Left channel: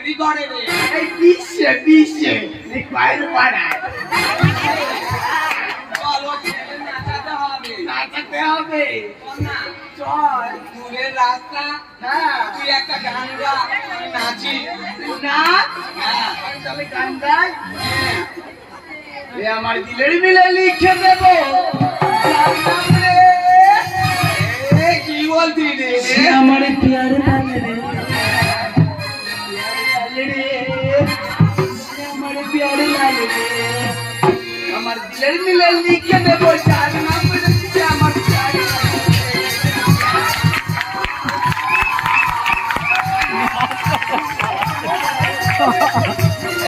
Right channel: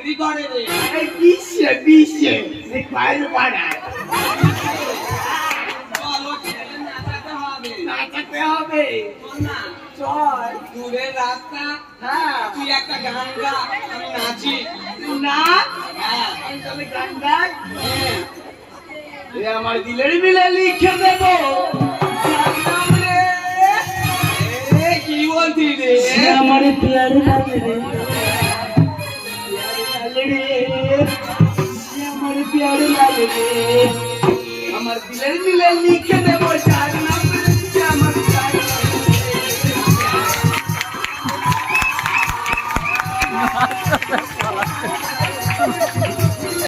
চাকরি করে রে। এই বিশ্বে বাইরে পাড়ায় চলো ছেলে নাচাতে হবে। নাচাতে হবে। চল না, চল। দূরের রাস্তা, হ্যাঁ তুই একটা গান গা, আমি নাচি। না হ্যাঁ, আমি তাহলে গান গাই। হ্যাঁ। এ আমার দিলের মিলে লিখে দেব জানলাম রে। এ, কি বলতি রে? সে আমার প্যার লাল রে, প্যার লাল রে, সে আমার প্যার লাল রে। আমার দিলের মিলে লিখে দেব